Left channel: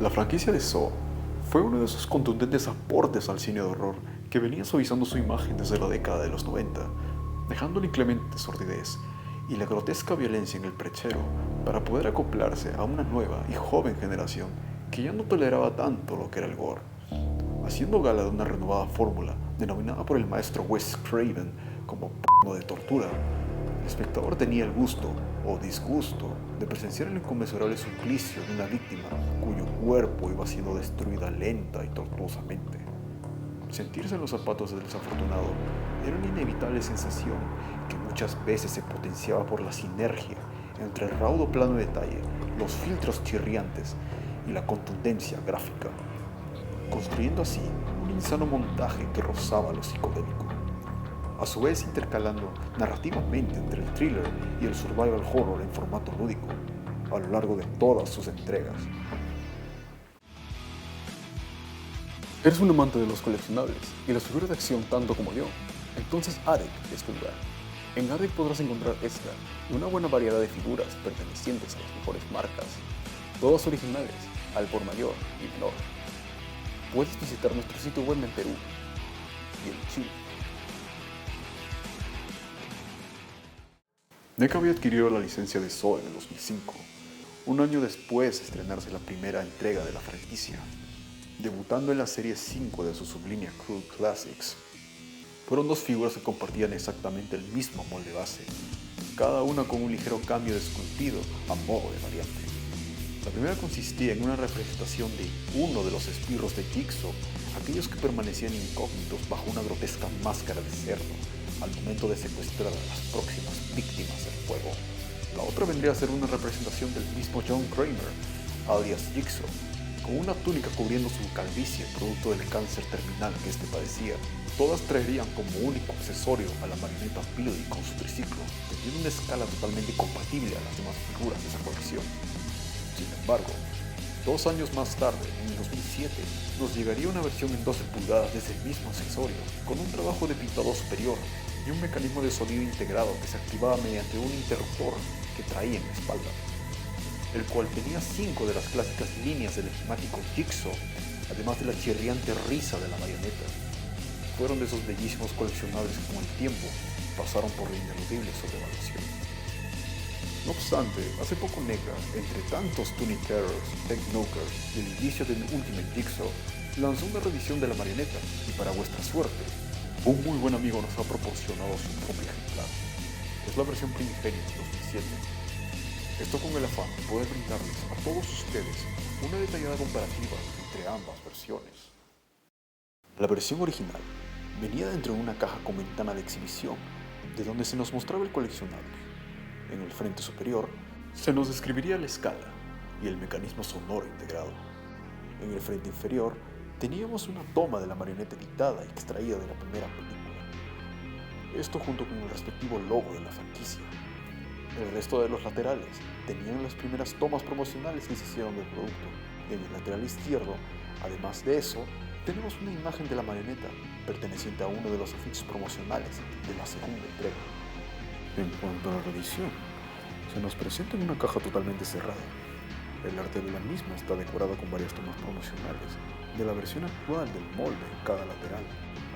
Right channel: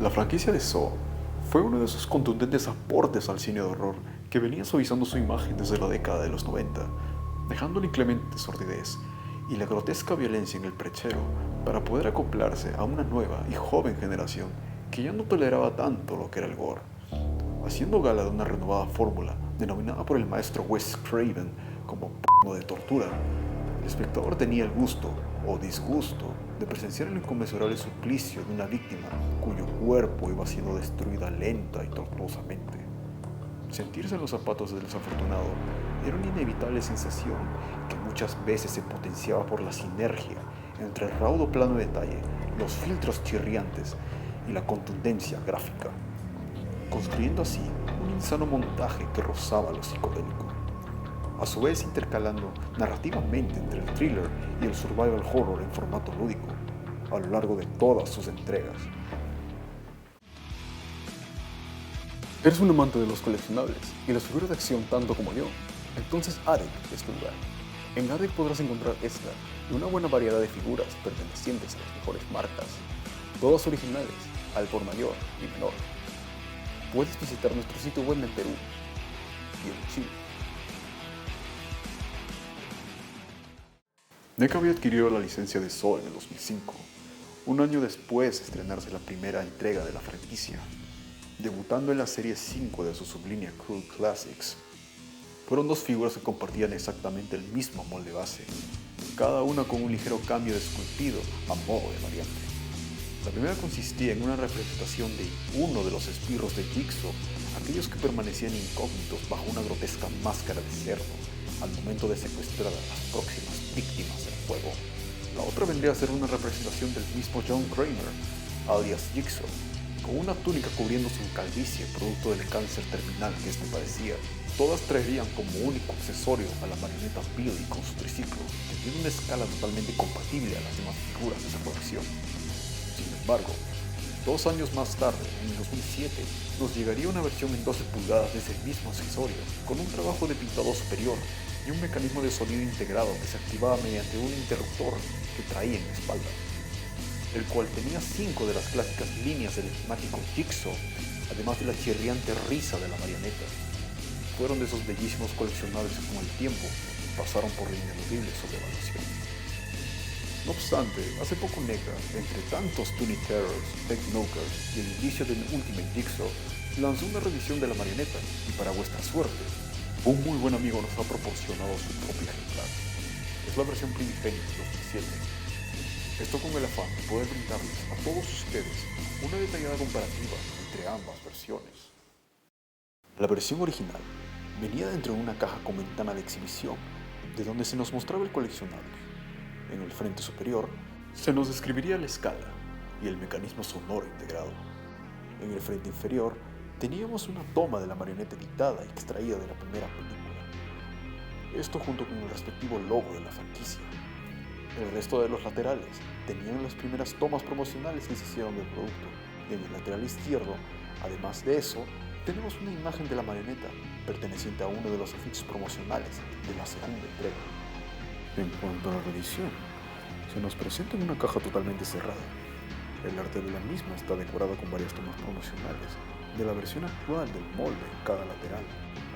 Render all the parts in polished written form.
La franquicia de Saw fue uno de esos contundentes aportes al cine de horror que venía suavizando su imagen desde la década de los 90, dejando la inclemente sordidez y la grotesca violencia en el perchero para poder acoplarse a una nueva y joven generación que ya no toleraba tanto lo que era el gore. Haciendo gala de una renovada fórmula denominada por el maestro Wes Craven como p*** de tortura, el espectador tenía el gusto o disgusto de presenciar el inconmensurable suplicio de una víctima cuyo cuerpo iba siendo destruida lenta y tortuosamente. Sentirse en los zapatos del desafortunado era una inevitable sensación que muchas veces se potenciaba por la sinergia entre el raudo plano de detalle, los filtros chirriantes y la contundencia gráfica, construyendo así un insano montaje que rozaba lo psicodélico, a su vez intercalando narrativamente entre el thriller y el survival horror en formato lúdico, a lo largo de todas sus entregas. ¿Eres un amante de los coleccionables y las figuras de acción tanto como yo? Entonces ADEC es tu lugar. En ADEC podrás encontrar esta y una buena variedad de figuras pertenecientes a las mejores marcas, todas originales, al por mayor y menor. Puedes visitar nuestro sitio web en Perú y en Chile. NECA había adquirido la licencia de Saw en el 2005, un año después de estrenarse la primera entrega de la franquicia, debutando en la serie 5 de su sublínea Cruel Classics. Fueron dos figuras que compartían exactamente el mismo molde base, cada una con un ligero cambio de esculpido a modo de variante. La primera consistía en una representación de uno de los esbirros de Jigsaw, aquellos que permanecían incógnitos bajo una grotesca máscara de cerdo al momento de secuestrar a las próximas víctimas del fuego. La otra vendría a ser una representación del mismo John Kramer, alias Jigsaw, con una túnica cubriendo su calvicie producto del cáncer terminal que este padecía. Todas traerían como único accesorio a la marioneta Billy con su triciclo, teniendo una escala totalmente compatible a las demás figuras de esa colección. Sin embargo, 2 años más tarde, en el 2007, nos llegaría una versión en 12 pulgadas de ese mismo accesorio, con un trabajo de pintado superior y un mecanismo de sonido integrado que se activaba mediante un interruptor que traía en la espalda, el cual tenía 5 de las clásicas líneas del enigmático Jigsaw, además de la chirriante risa de la marioneta. Fueron de esos bellísimos coleccionables que con el tiempo pasaron por la ineludible sobrevaluación. No obstante, hace poco NECA, entre tantos Toony Terrors, Technokers y el inicio del Ultimate Jigsaw, lanzó una reedición de la marioneta y para vuestra suerte, un muy buen amigo nos ha proporcionado su propio ejemplar. Es la versión primigenia de 2007. Esto con el afán de poder brindarles a todos ustedes una detallada comparativa entre ambas versiones. La versión original venía dentro de una caja con ventana de exhibición, de donde se nos mostraba el coleccionable. En el frente superior se nos describiría la escala y el mecanismo sonoro integrado. En el frente inferior teníamos una toma de la marioneta editada y extraída de la primera película. Esto junto con el respectivo logo de la franquicia. El resto de los laterales tenían las primeras tomas promocionales que se hicieron del producto. Y en el lateral izquierdo, además de eso, tenemos una imagen de la marioneta perteneciente a uno de los afiches promocionales de la segunda entrega. En cuanto a la reedición, se nos presenta en una caja totalmente cerrada. El arte de la misma está decorado con varias tomas promocionales de la versión actual del molde en cada lateral,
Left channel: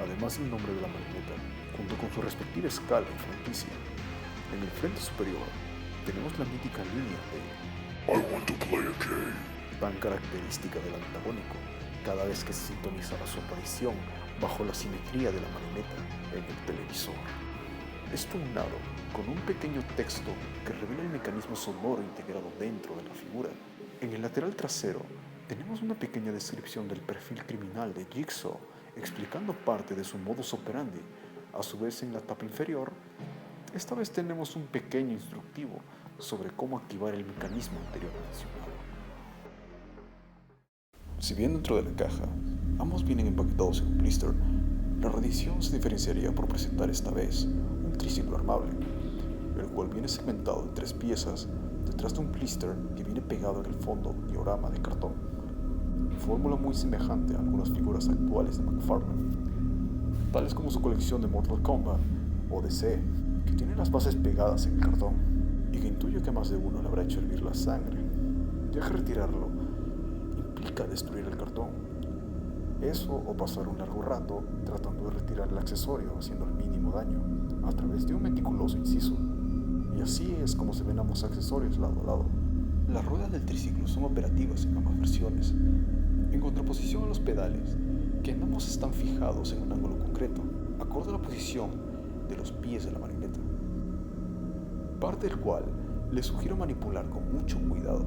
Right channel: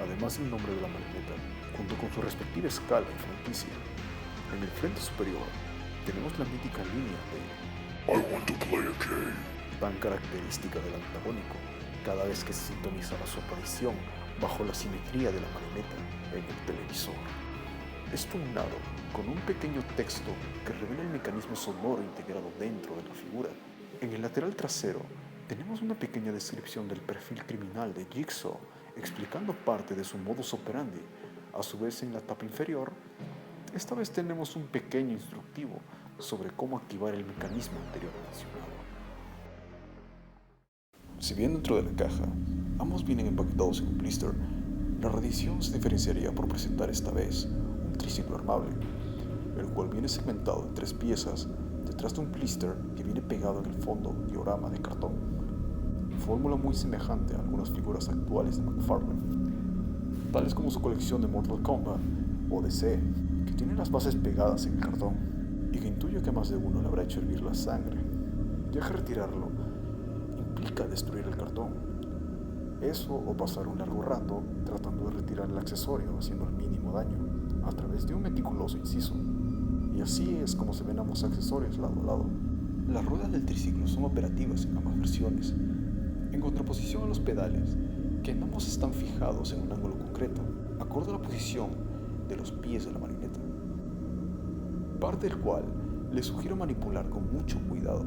además del nombre de la marioneta, junto con su respectiva escala y franquicia. En el frente superior tenemos la mítica línea de I want to play a game, tan característica del antagónico cada vez que se sintonizaba su aparición bajo la simetría de la marioneta en el televisor. Esto unado con un pequeño texto que revela el mecanismo sonoro integrado dentro de la figura. En el lateral trasero tenemos una pequeña descripción del perfil criminal de Jigsaw, explicando parte de su modus operandi. A su vez, en la tapa inferior, esta vez tenemos un pequeño instructivo sobre cómo activar el mecanismo anterior mencionado. Si bien dentro de la caja ambos vienen empaquetados en un blister, la reedición se diferenciaría por presentar esta vez un triciclo armable, el cual viene segmentado en 3 piezas detrás de un blister que viene pegado en el fondo diorama de cartón, fórmula muy semejante a algunas figuras actuales de McFarlane, tales como su colección de Mortal Kombat o DC, que tiene las bases pegadas en el cartón y que intuyo que a más de uno le habrá hecho hervir la sangre, ya que retirarlo implica destruir el cartón. Eso o pasar un largo rato tratando de retirar el accesorio haciendo el mínimo daño a través de un meticuloso inciso. Y así es como se ven ambos accesorios lado a lado. Las ruedas del triciclo son operativas en ambas versiones, en contraposición a los pedales, que en ambos están fijados en un ángulo concreto, acorde a la posición de los pies de la marioneta, parte del cual les sugiero manipular con mucho cuidado,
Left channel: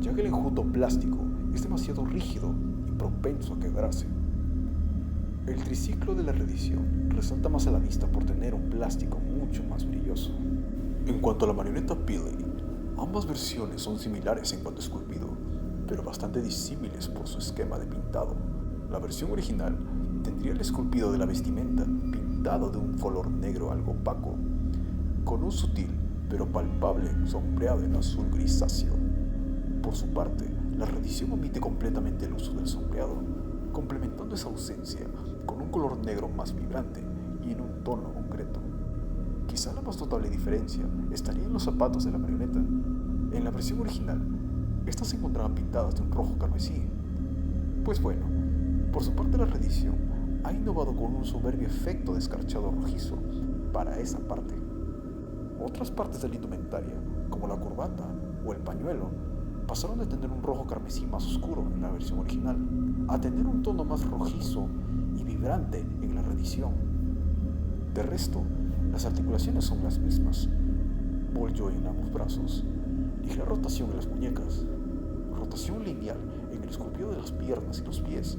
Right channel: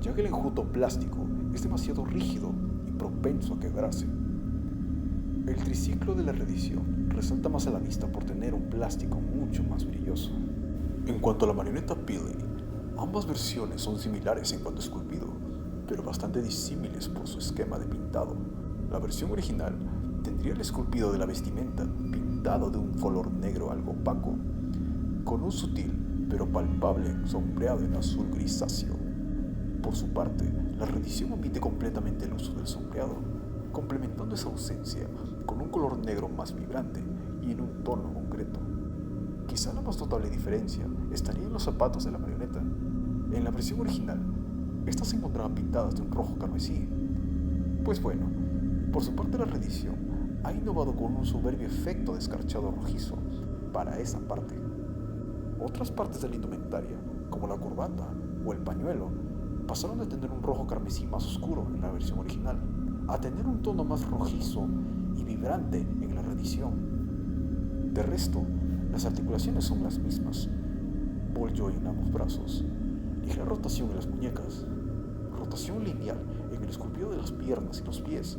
ya que el enjuto plástico es demasiado rígido y propenso a quebrarse. El triciclo de la reedición resalta más a la vista por tener un plástico mucho más brilloso. En cuanto a la marioneta Billy, ambas versiones son similares en cuanto a esculpido, pero bastante disímiles por su esquema de pintado. La versión original tendría el esculpido de la vestimenta pintado de un color negro algo opaco, con un sutil pero palpable sombreado en azul grisáceo. Por su parte, la reedición omite completamente el uso del sombreado, complementando esa ausencia con un color negro más vibrante y en un tono concreto. Quizá la más notable diferencia estaría en los zapatos de la marioneta. En la versión original, estas se encontraban pintadas de un rojo carmesí. Pues bueno, por su parte la reedición ha innovado con un soberbio efecto de escarchado rojizo para esa parte. Otras partes de la indumentaria, como la corbata o el pañuelo, pasaron de tener un rojo carmesí más oscuro en la versión original a tener un tono más rojizo y vibrante en la reedición. De resto, las articulaciones son las mismas: ball joint en ambos brazos, ligera rotación en las muñecas, rotación lineal en el esculpido de las piernas y los pies,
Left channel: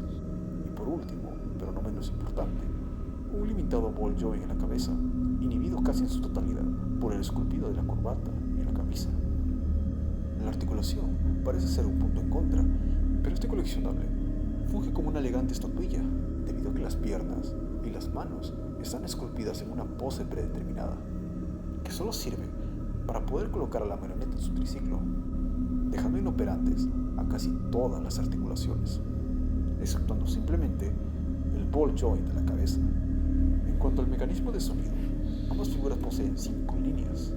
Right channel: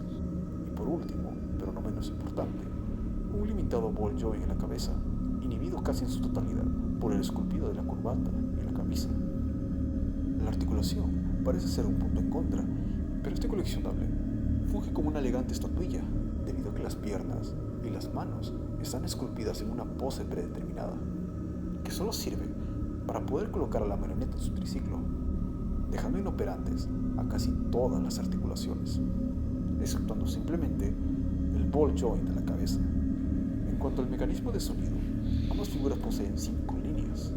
y por último, pero no menos importante, un limitado ball joint en la cabeza, inhibido casi en su totalidad por el esculpido de la corbata y la camisa. La articulación parece ser un punto en contra, pero este coleccionable funge como una elegante estatuilla, debido a que las piernas y las manos están esculpidas en una pose predeterminada, que solo sirve para poder colocar a la marioneta en su triciclo, dejando inoperantes a casi todas las articulaciones, exceptuando simplemente el ball joint de la cabeza. En cuanto al mecanismo de sonido, ambas figuras poseen 5 líneas.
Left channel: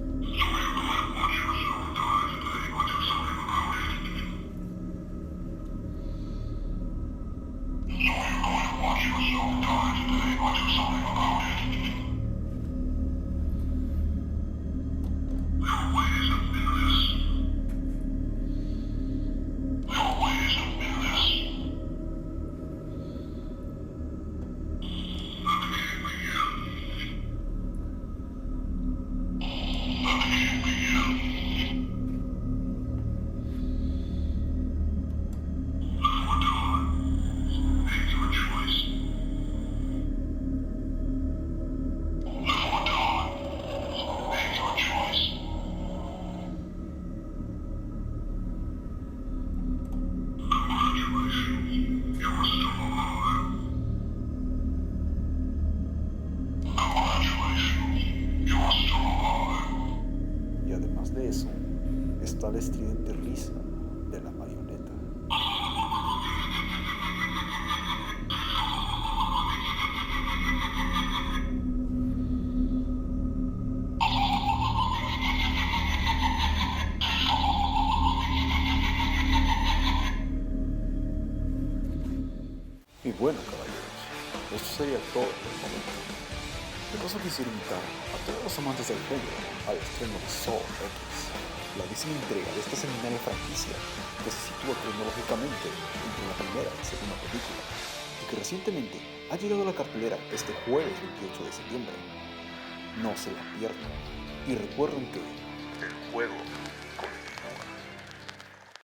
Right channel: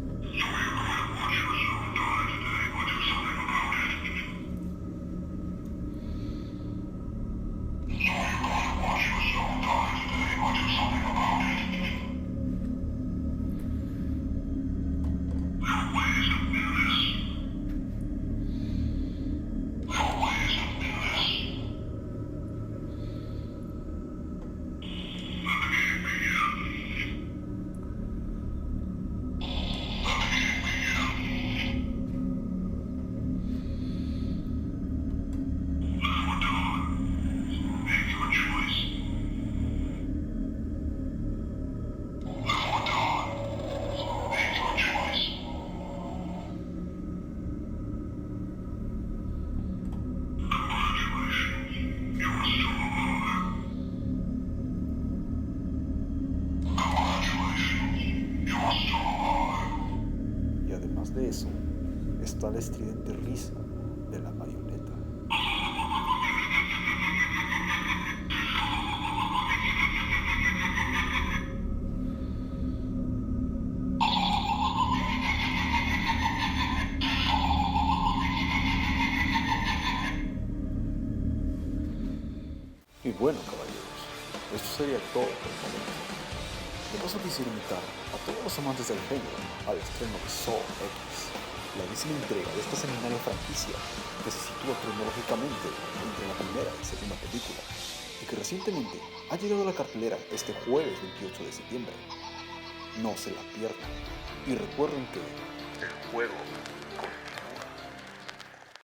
Y además de eso, está la estridente risa de la marioneta. Y bueno, caballeros, esto sería todo por el momento. De paso quisiera invitar a todos los amantes del género al estreno de Saw X, la 10ª entrega de esta seminaria franquicia que se sitúa cronológicamente entre la primera y segunda película y que recientemente ha llegado a la cartelera este jueves 28 de septiembre. No se la pierdan y recuerden que el juego